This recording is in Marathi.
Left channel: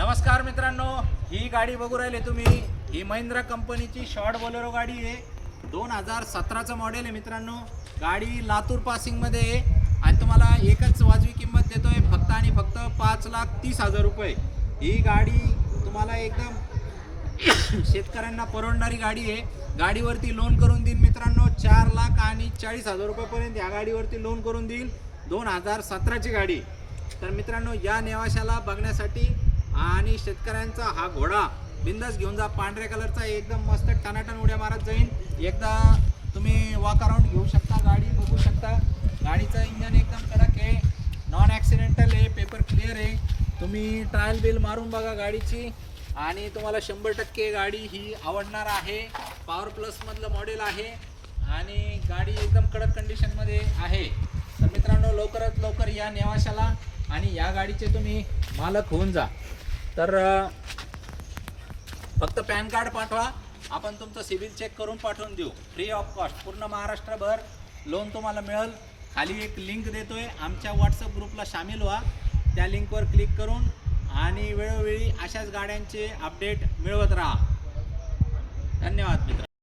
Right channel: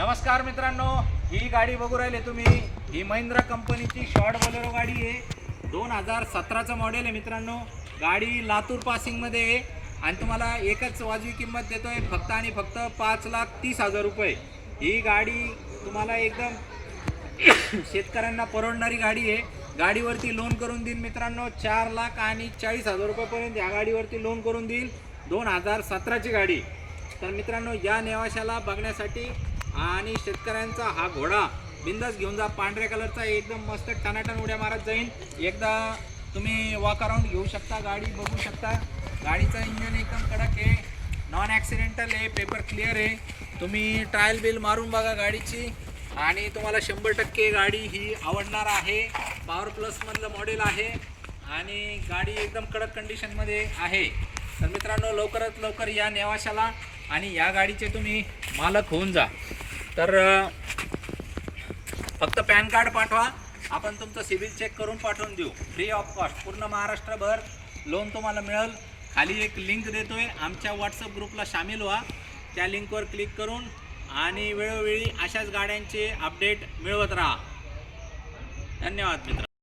नमस्कार मित्रांनो, ही गाडी बघू राहिले तुम्ही, ही महिंद्रा कंपनीची शॉर्ट बोलेरो गाडी आहे। 2017चं मॉडेल आहे मित्रांनो। गाडी लातूर पासिंगमध्ये आहे आणि तुम्हाला एकच वाजवी किंमत देतोय फक्त आणि फक्त 5,30,000 रुपये। ही गाडी तुम्हाला एकदम शेतकऱ्यांना परवडणारी गाडी आहे। गाडीवरती लोन करून देईल मित्रांनो, 4,40,000 रुपयापर्यंत या गाडीवरती लोन करून देईल। 2017ची गाडी। तर मित्रांनो, या नेवाशाला बघण्यासाठी आणि शेतकऱ्यांचा हा घोडा बिंदास घेऊन जा। पांढऱ्या कलरचा एकदम मस्त टनाटन उड्या मारत जाईल। एकदा तुम्ही वॉक अराउंड घेऊ शकता, गाडी बघू शकता। गाडीचा इंजन एकदम कडक आहे, नॉन ॲक्सिडेंटल आहे, पेपर क्लिअर आहे। तुम्ही ट्रायल बिल मारून बघा गाडीची आणि तुम्हाला 100% गाडी ही आवडणार आहे। पॉवर प्लस मधलं मॉडेल आहे आणि गाडी एकदम कडक कंडिशनमध्ये आहे। तर मित्रांनो, लवकरात लवकर या नेवाशाला आणि या गाडीचे तुम्ही मालक होऊन जा। तर फक्त पॅन कार्ड पाठवा, आपण तुमचं सिबिल चेक करून पाठवून देऊ फ्री ऑफ कॉस्ट। पूर्ण महाराष्ट्रभर लोन तुम्हाला मिळेल। खाली एक लिंक देतोय, आमच्या व्हॉट्सअप ग्रुपला सामील व्हा। त्या लिंकवर क्लिक करून आणि वेळोवेळी अशाच गाड्यांचे अपडेट मिळवत राहा। धन्यवाद मित्र।